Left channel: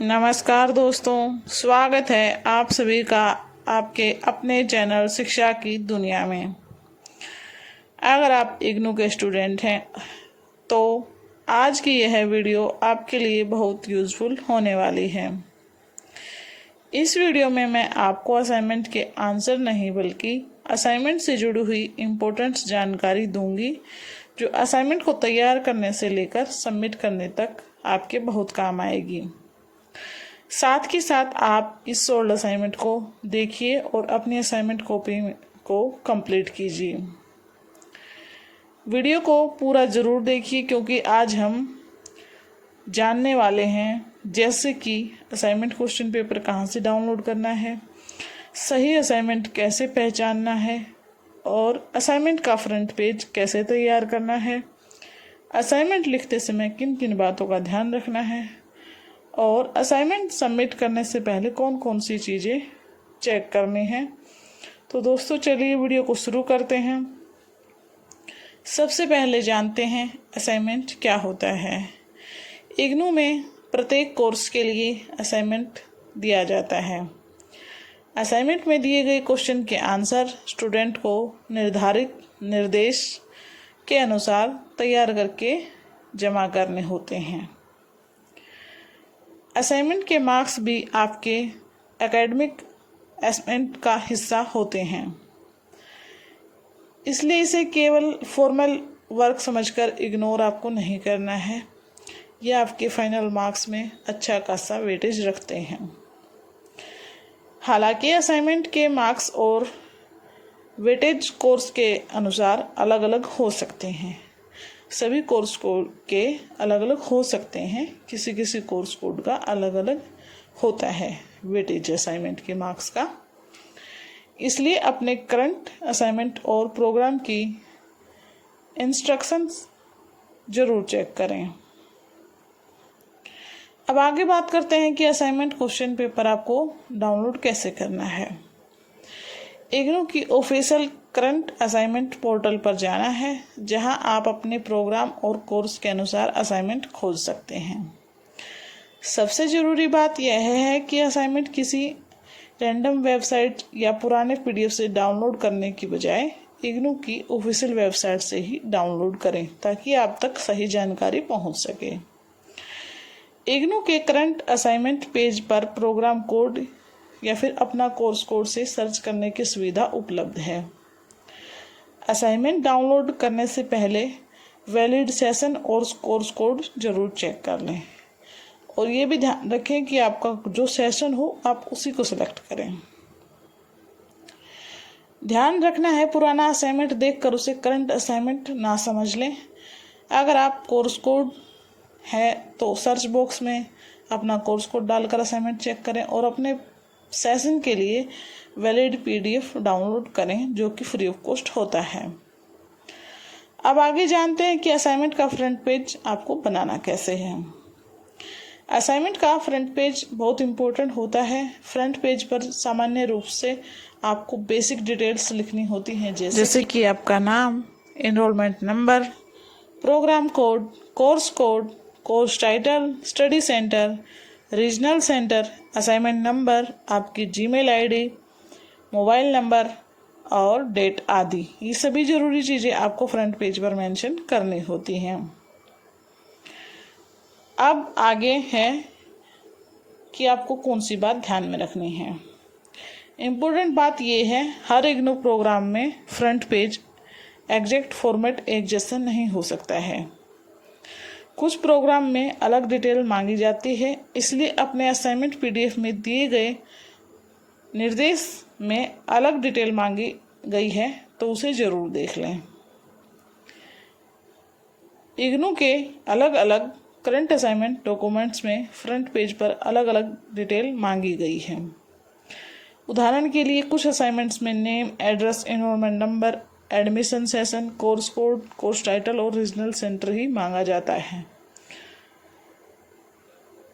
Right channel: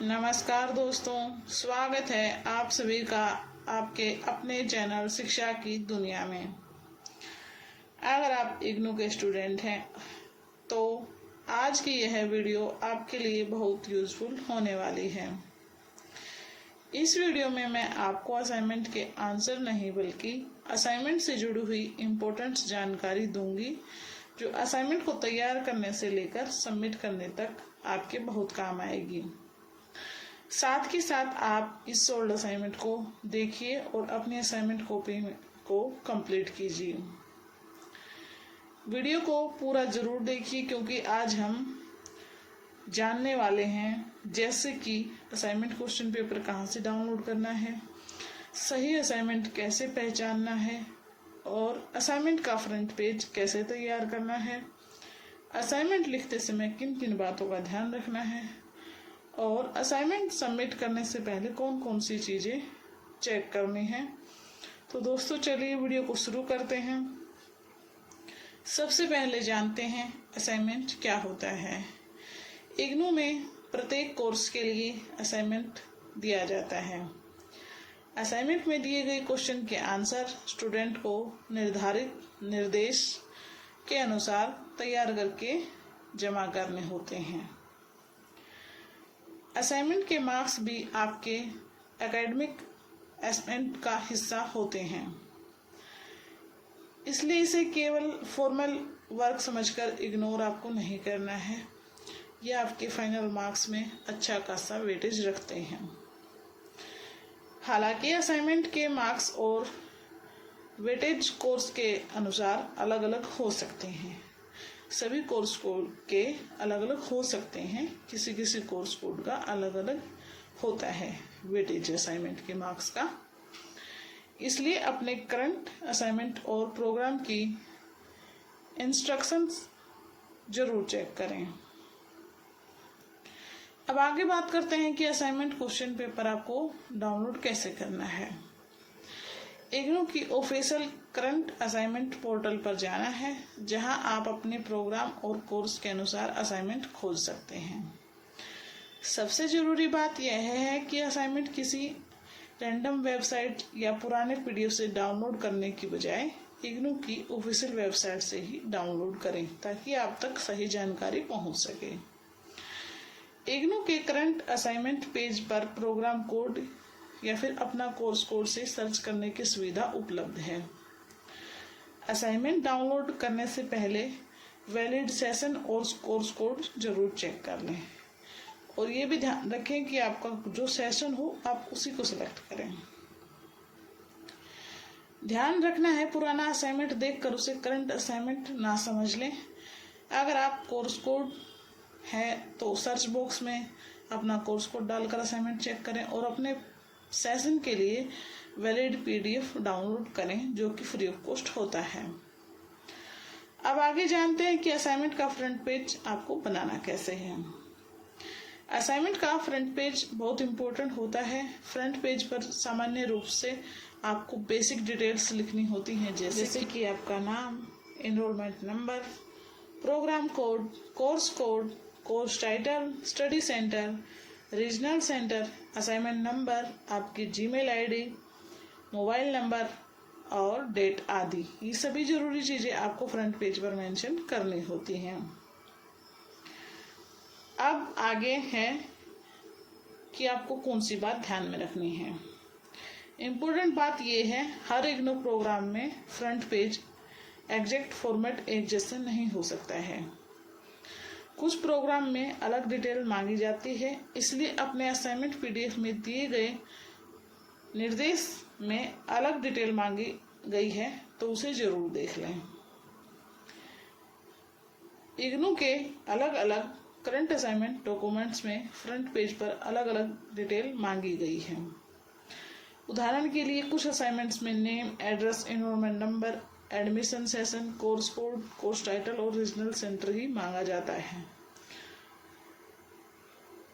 नमस्कार दोस्तों, स्वागत है आप सभी का आपके अपने चैनल शिक्षा की दुनिया में। अगर आप इग्नू के स्टूडेंट हैं तो आज की यह वीडियो आपके लिए बहुत यूज़फुल होने वाली है। इस वीडियो में मैं आपको असाइनमेंट के आंसर नहीं बल्कि असाइनमेंट से जुड़ी हुई इम्पोर्टेंट जानकारी दूंगी जो असाइनमेंट को तैयार करने से लेकर सबमिट करने तक आपके बहुत काम आएगी। साथ के साथ आप इस सोल्ड असाइनमेंट को देखिए और अपनी असाइनमेंट कॉपी को कंप्लीट कीजिए। वीडियो को पूरा ज़रूर देखिए क्योंकि आज हम जानने वाले हैं जैसे कि असाइनमेंट क्वेश्चन पेपर कहाँ से डाउनलोड करना है, सही असाइनमेंट कैसे पहचानना है और असाइनमेंट का फ्रंट पेज कैसे तैयार करना है, असाइनमेंट लिखते समय किन किन बातों का ध्यान रखना है और असाइनमेंट सबमिट करने से पहले कौन कौन सी चीज़ें चेक करनी हैं। तो दोस्तों चलिए वीडियो को शुरू करते हैं। सबसे पहले जानते हैं असाइनमेंट क्या होता है। इग्नू में प्रत्येक कोर्स के लिए असाइनमेंट दिया जाता है। असाइनमेंट में दिए गए क्वेश्चन के आंसर स्टूडेंट को निर्धारित निर्देश के अनुसार तैयार करके जमा करने होते हैं। असाइनमेंट के मार्क्स भी आपके एकेडमिक असेसमेंट का हिस्सा होते हैं, इसलिए इसे केवल फॉर्मल वर्क समझकर इग्नोर आपको नहीं करना है। यह आपके फाइनल मार्क्स में अच्छा खासा वेटेज रखते हैं। हालांकि असाइनमेंट के मार्क्स और वेटेज कोर्स के अनुसार अलग अलग हो सकते हैं। सभी कोर्स कोड के अलग अलग हो सकते हैं, किसी किसी कोर्स कोड का अलग अलग होता है वेटेज असाइनमेंट के मार्क्स का। इसलिए अपने करंट असाइनमेंट और प्रोग्राम की इंस्ट्रक्शंस जरूर चेक करें। अब आगे बात करते हैं कि असाइनमेंट क्वेश्चन पेपर आपको डाउनलोड कैसे करना है। इग्नू की ऑफिशियल करंट असाइनमेंट पोर्टल पर जाना है, जहां आप अपने प्रोग्राम और कोर्स के अनुसार असाइनमेंट खोज सकते हैं। सबसे ज़रूरी बात यह है कि असाइनमेंट किसी रैंडम वेबसाइट या पुराने पीडीएफ से डाउनलोड करने की बजाय इग्नू की ऑफिशियल वेबसाइट से ही डाउनलोड करें ताकि आप तक सही जानकारी पहुंच सके। इग्नू के करंट असाइनमेंट पेज पर प्रोग्राम कोड या फिर अपना कोर्स कोड से सर्च करने की सुविधा उपलब्ध है। असाइनमेंट डाउनलोड करने से पहले वैलिड सेशन और कोर्स कोड जरूर चेक कर लें और ये भी ध्यान रखें कि आपका जो सेशन हो आप उसी को सिलेक्ट करें। ध्यान रखना है पुराना असाइनमेंट देखकर उसे करंट असाइनमेंट ना समझ लें। अगर आप कोर्स कोड है तो सर्च बॉक्स में अपना कोर्स कोड डालकर असाइनमेंट चेक करें और अपने सेशन के लिए वैलिड पीडीएफ डाउनलोड करें जो कि फ्री ऑफ कॉस्ट होता है। अब आगे जानते हैं कि असाइनमेंट का फ्रंट पेज आपको बनाना कैसे है। असाइनमेंट का फ्रंट पेज बहुत इम्पोर्टेंट होता है। फ्रंट पेज पर सामान्य रूप से आपको बेसिक डिटेल्स लिखनी होती हैं जैसे कि आपका नाम, enrolment number, programme code, course title, study centre, regional centre, assignment number, आपकी जीमेल आईडी, मोबाइल नंबर और डेट आदि। ये सभी ज़रूरी चीज़ें आपको फ्रंट पेज पर मेंशन करनी होती हैं। अब आगे है कि आपको कौन सी बात ध्यान में रखनी है। इम्पोर्टेंट बात यह है, हर इग्नू प्रोग्राम में फ्रंट पेज एग्जैक्ट फॉर्मेट एक जैसा नहीं हो सकता है। कुछ प्रोग्राम में अलग डिटेल मांगी जाती है, इसलिए अपने असाइनमेंट पीडीएफ में दिए गए निर्देश में अलग डिटेल मांगी गई है तो उसे जरूर देख लें। इग्नू के अलग अलग करंट असाइनमेंट डॉक्यूमेंट्स में फ्रंट पेज पर अलग अलग डिटेल मांगी गई है। उदाहरण के लिए कुछ असाइनमेंट्स में name, address, enrolment number, admission session, course code, course title और रीजनल सेंटर ही मांगा जाता है।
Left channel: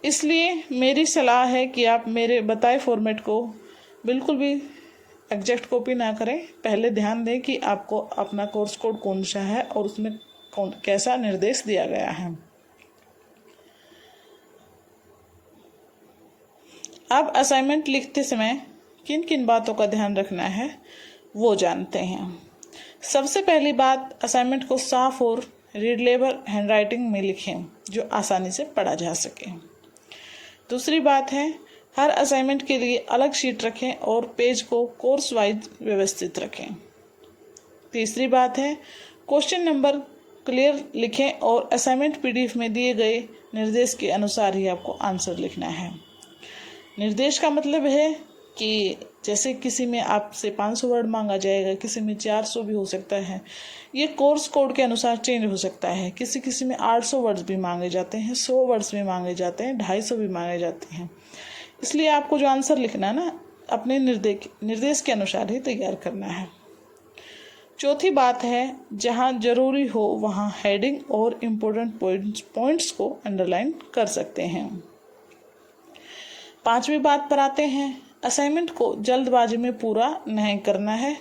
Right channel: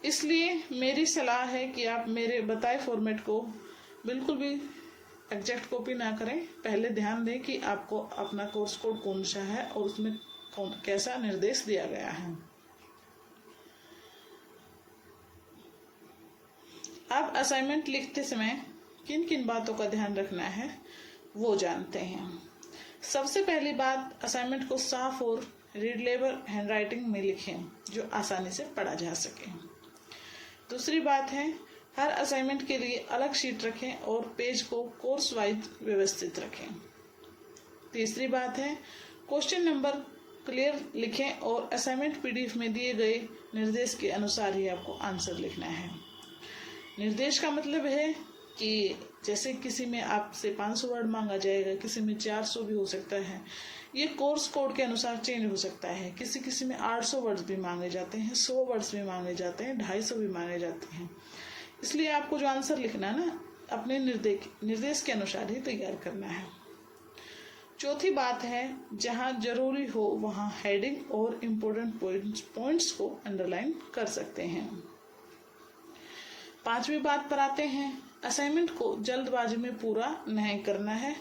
इसलिए मेरी सलाह है कि आप मेरे बताए फॉर्मेट को बिल्कुल भी एग्जैक्ट कॉपी ना करें। पहले ध्यान दें कि आपको अपना कोर्स कोड कौन सा है और उसमें कैसा निर्देश दिया गया है। अब असाइनमेंट लिखते समय किन किन बातों का ध्यान रखना है वो जानते हैं। सबसे पहली बात, असाइनमेंट को साफ और रीडेबल हैंडराइटिंग में लिखें जो आसानी से पढ़ा जा सके। दूसरी बात है, हर असाइनमेंट के लिए अलग शीट रखें और पेज को कोर्स वाइज व्यवस्थित रखें। तीसरी बात है, क्वेश्चन नंबर क्लियर लिखें और असाइनमेंट पीडीएफ में दिए गए निर्देश के अनुसार ही आपको आंसर लिखना है। निर्देश का मतलब है कि जैसे किसी में आपसे 500 वर्ड मांगा जाएगा, किसी में 400 भी हो सकता है। ये कोर्स कोड के अनुसार चेंज हो सकता है। किसी में 800 वर्ड्स भी मांगे जाते हैं, 100 वर्ड्स भी मांगे जाते हैं, 250 भी मांगे जाते हैं। इसलिए आपको जो आंसर लिखना है ना, अपने निर्देश के अनुसार ही तैयार करना है। चौथी बात है, जहाँ जरूरी हो वहाँ हेडिंग और इम्पोर्टेंट पॉइंट्स को अंडरलाइन कर सकते हैं। पांचवी बात पर आते हैं, असाइनमेंट को जल्दबाजी में पूरा नहीं करना है।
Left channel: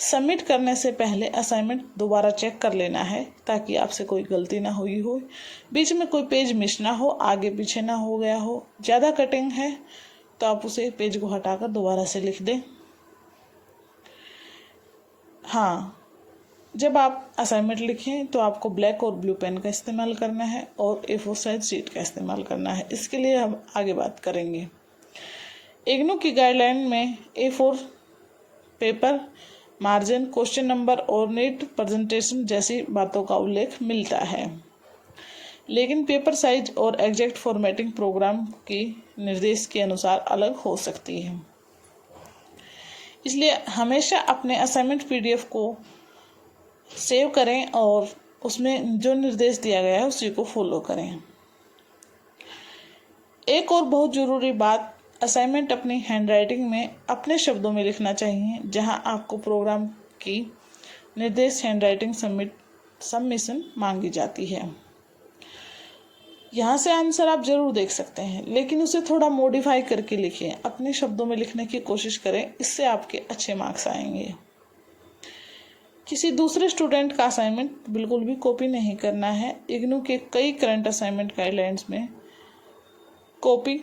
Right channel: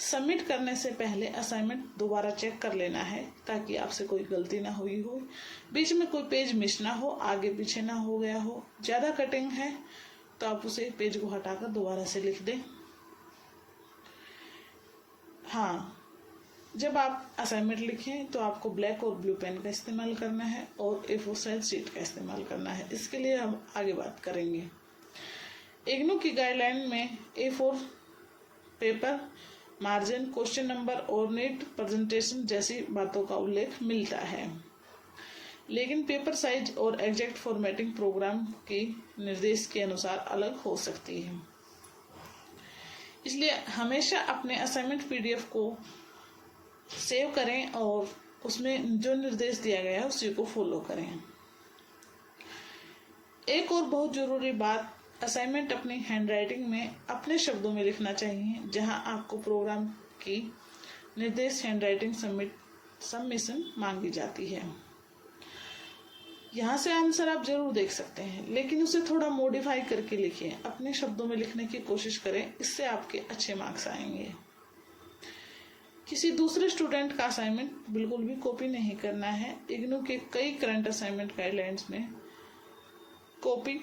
सबमिट करने से पहले असाइनमेंट दोबारा चेक कर लेना है ताकि आपसे कोई गलती ना हुई हो, बीच में कोई पेज मिस ना हो, आगे पीछे ना हो गया हो। ज़्यादा कटिंग है तो आप उसे पेज को हटाकर दोबारा से लिख दें। हाँ, जब आप असाइनमेंट लिखें तो आपको ब्लैक और ब्लू पेन का इस्तेमाल करना है और A4 साइज शीट का इस्तेमाल करना है। इसके लिए हम आगे बात करेंगे। इग्नू की गाइडलाइन में A4 paper, margin, question number और नीट प्रेजेंटेशन जैसी बातों का उल्लेख मिलता है, लेकिन पेपर साइज और एग्जैक्ट फॉर्मेटिंग प्रोग्राम की निर्देश के अनुसार अलग हो सकती है। इसलिए हमेशा अपने असाइनमेंट पीडीएफ को सेव करें और उसमें जो निर्देश दिया गया है उसी को फॉलो करें। एक और बहुत ज़रूरी बात, असाइनमेंट अपनी हैंडराइटिंग में अपने शब्दों में लिखना चाहिए। जहां आपको प्रोग्राम की निर्देश हैंडराइटिंग सबमिशन मांगी जाती है, यहाँ से आंसर आप जरूर देख सकते हैं, लेकिन उसे थोड़ा मॉडिफाई करके लिखें। अपने शब्दों में लिखने की कोशिश करें, इससे आपके अच्छे मार्क्स आएंगे। किसी दूसरे स्टूडेंट का असाइनमेंट बिल्कुल भी कॉपी नहीं करना है। इग्नू के कई करंट असाइनमेंट गाइडलाइंस में कॉपी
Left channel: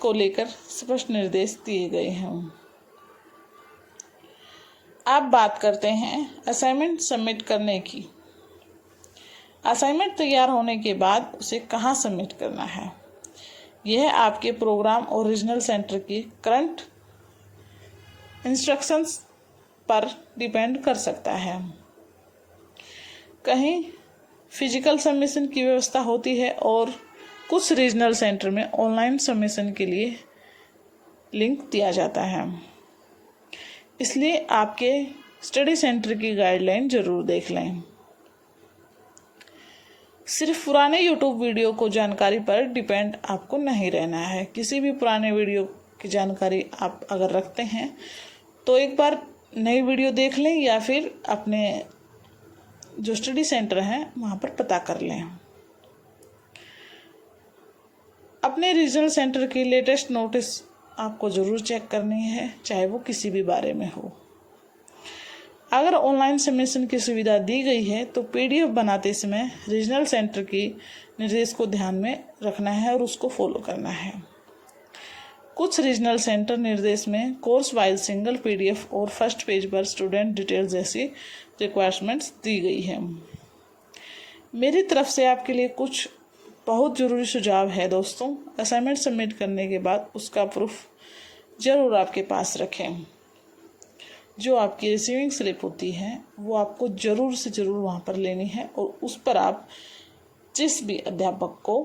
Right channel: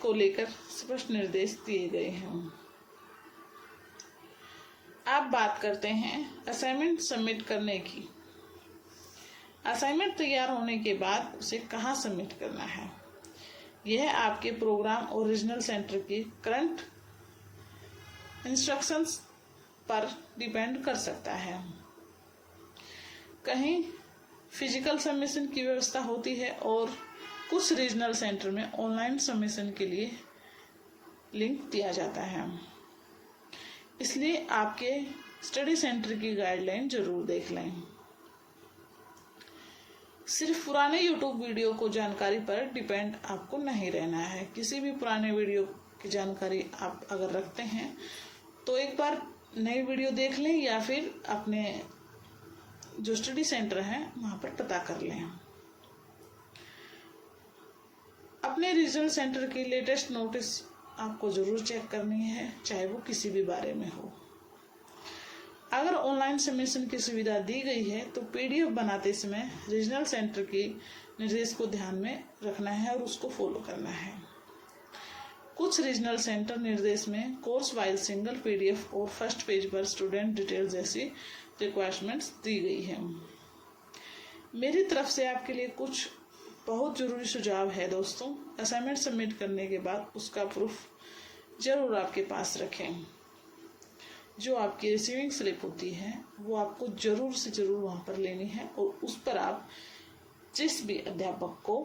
को लेकर स्पष्ट निर्देश दिए गए हैं। अब बात करते हैं असाइनमेंट सबमिट करने की। असाइनमेंट तैयार होने के बाद उसे कहाँ सबमिट करना है, यह आपके प्रोग्राम और रीजनल सेंटर की करंट इंस्ट्रक्शंस पर डिपेंड कर सकता है। कहीं फिजिकल सबमिशन की व्यवस्था होती है और कुछ रीजनल सेंटर में ऑनलाइन सबमिशन के लिए लिंक दिया जाता है। इसलिए आपके स्टडी सेंटर की गाइडलाइन जरूर देख लें। सिर्फ पुराने यूट्यूब वीडियो को जानकारी पर डिपेंड आपको नहीं रहना है। किसी भी पुराने वीडियो की जानकारी आप अगर रखते हैं तो एक बार नई वीडियो देख लें या फिर अपने जो स्टडी सेंटर हैं वहाँ पर पता कर लें। अपने रीजनल सेंटर की लेटेस्ट नोटिस आपको ज़रूर चेक करनी है, चाहे वो किसी भी बारे में हो। अगर ऑनलाइन सबमिशन की सुविधा दी गई है तो पीडीएफ बनाते समय रीजनल सेंटर की निर्देश को ध्यान में रखना है और उसको फॉलो करना है। कुछ रीजनल सेंटर निर्देश में कोर्स वाइज सिंगल पीडीएफ और फर्स्ट पेज पर स्टूडेंट डिटेल्स जैसी रिक्वायरमेंट्स दी गई है। मेरी तरफ से आपके लिए कुछ बहुत ज़रूरी सुझाव है दोस्तों। असाइनमेंट सबमिट करने के बाद उसका प्रूफ ज़रूर आपके पास रखें। जो आपकी रिसीविंग स्लिप होती है वो आपको ज़रूर से ज़रूर वहाँ पर लेनी है और उस पर आप जिस भी अध्यापक को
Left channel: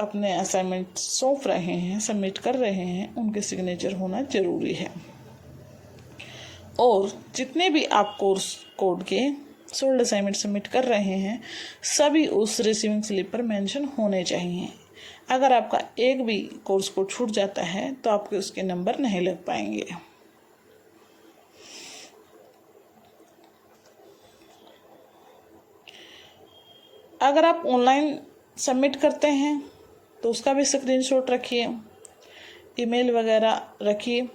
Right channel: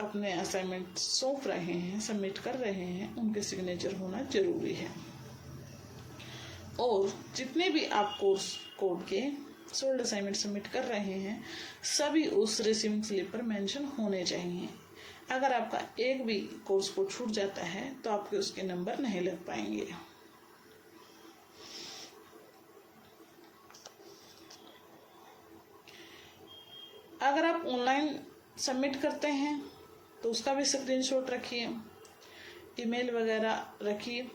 अपने असाइनमेंट सौंप रहे हैं, सबमिट कर रहे हैं, उनके सिग्नेचर होना ज़रूरी है। और जितने भी आप कोर्स कोड के सोल्ड असाइनमेंट सबमिट कर रहे हैं सभी उस रिसीविंग स्लिप पर मेंशन होने चाहिए। अगर आपका एक भी कोर्स कोड छूट जाता है तो आपके उसके नंबर नहीं लग पाएंगे। अगर आप ऑनलाइन सबमिट करते हैं तो उसका भी स्क्रीनशॉट रखिए, ईमेल वगैरह रखिए।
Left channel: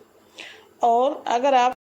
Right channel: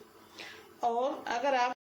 और अगर आप